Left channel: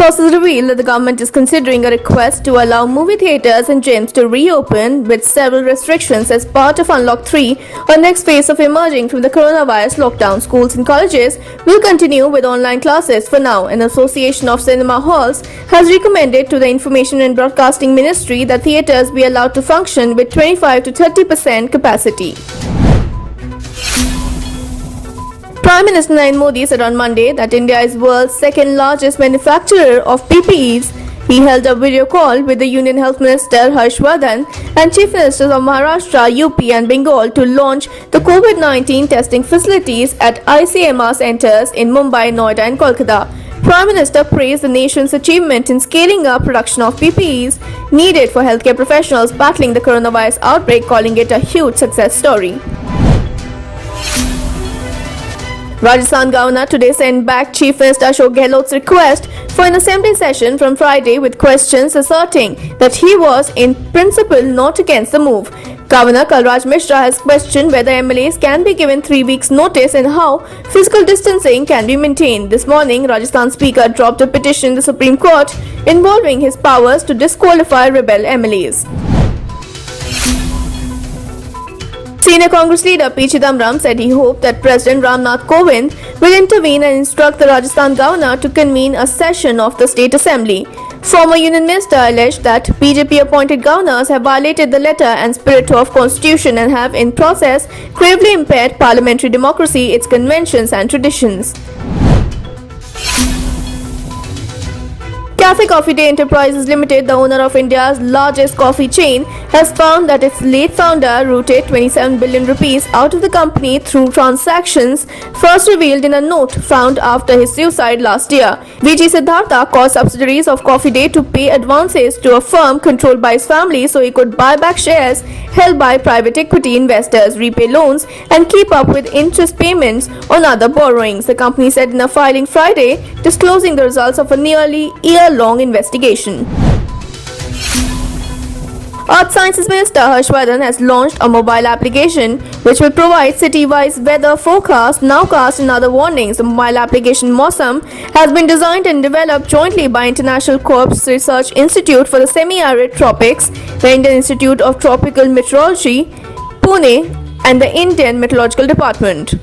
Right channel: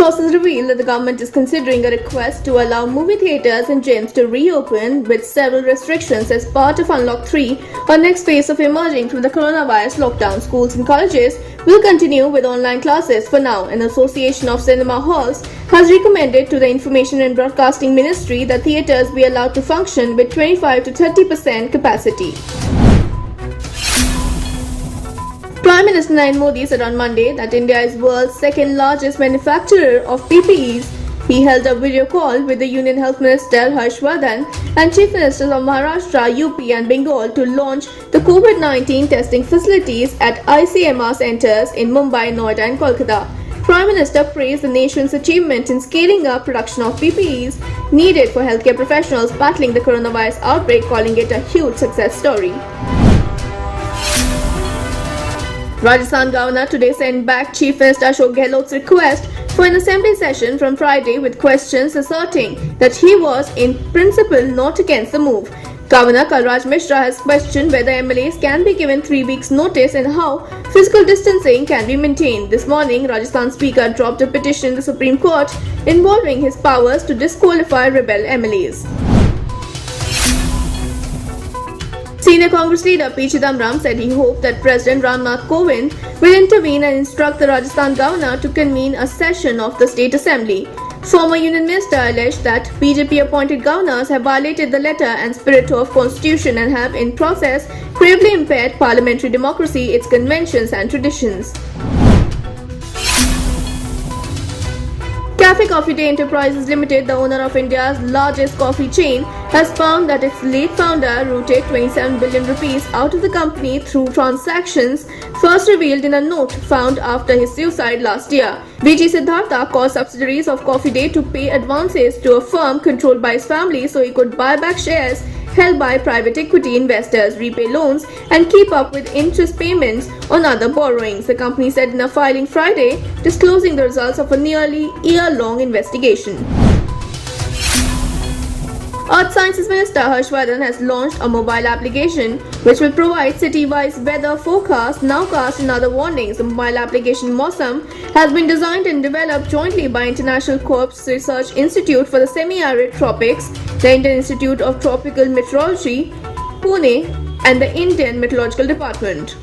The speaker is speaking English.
Sources reveal that the government is considering a request to allow movie theatres and gyms to reopen with several restrictions as part of Unlock 3, a next phase of emerging from the coronavirus lockdown. Schools and colleges will continue with online classes for now. An association of cinema halls has recommended to the Information and Broadcasting Ministry that theatres be allowed to function with 25 to 30% capacity. Prime Minister Narendra Modi said on Monday that India is world's second largest manufacturer of PPEs. He held a video call with the Union Health Minister Harsh Vardhan and Chief Ministers of Maharashtra, UP and Bengal to launch the COVID-19 testing facilities at ICMR centers in Mumbai, Noida and Kolkata. Prime Minister praised the nation's achievement in scaling up production of PPEs needed for healthcare professionals battling the coronavirus outbreak, calling it a huge success story. Rajasthan Governor today sent back Chief Minister Ashok Gehlot's request for an assembly session from Friday with questions asserting that he was in principle not against the move. Governor Kalraj Mishra has questioned whether MLAs can be given 3 weeks notice and how physical distancing can be maintained. This morning, Rajasthan Speaker dropped a petition in the Supreme Court involving his powers to disqualify rebel MLAs. Senior Congress leader P. Chidambaram said he hoped that President Ramnath Kovind will intervene and instruct the Rajasthan governor to convene a session of the State Assembly. Former Union Minister alleged that BJP-appointed governors have violated the letter and spirit of Constitution and have, in process, gravely impaired parliamentary democracy, its conventions and traditions. Cafe Coffee Day Enterprises Limited, the owner of India's largest coffee chain, has found that its late founder rooted 27 billion rupees out of the company through transactions first revealed in a note found after his suicide last year. VG Siddhartha caused subsidiaries of Coffee Day to pay advances to a firm controlled by his family so he could buy back shares held by private equity investors, repay loans and keep up with interest payments on other borrowings, the company said in a filing Friday, disclosing the results of a nearly year-long investigation. Earth Sciences Minister Harsh Vardhan has launched a mobile application which will provide city-wise weather forecasts, nowcast and other warnings. The mobile application Mausam has been designed and developed jointly by International Corps Research Institute for the Semi-Arid Tropics, the Indian Institute of Tropical Meteorology, Pune and the Indian Meteorological Department.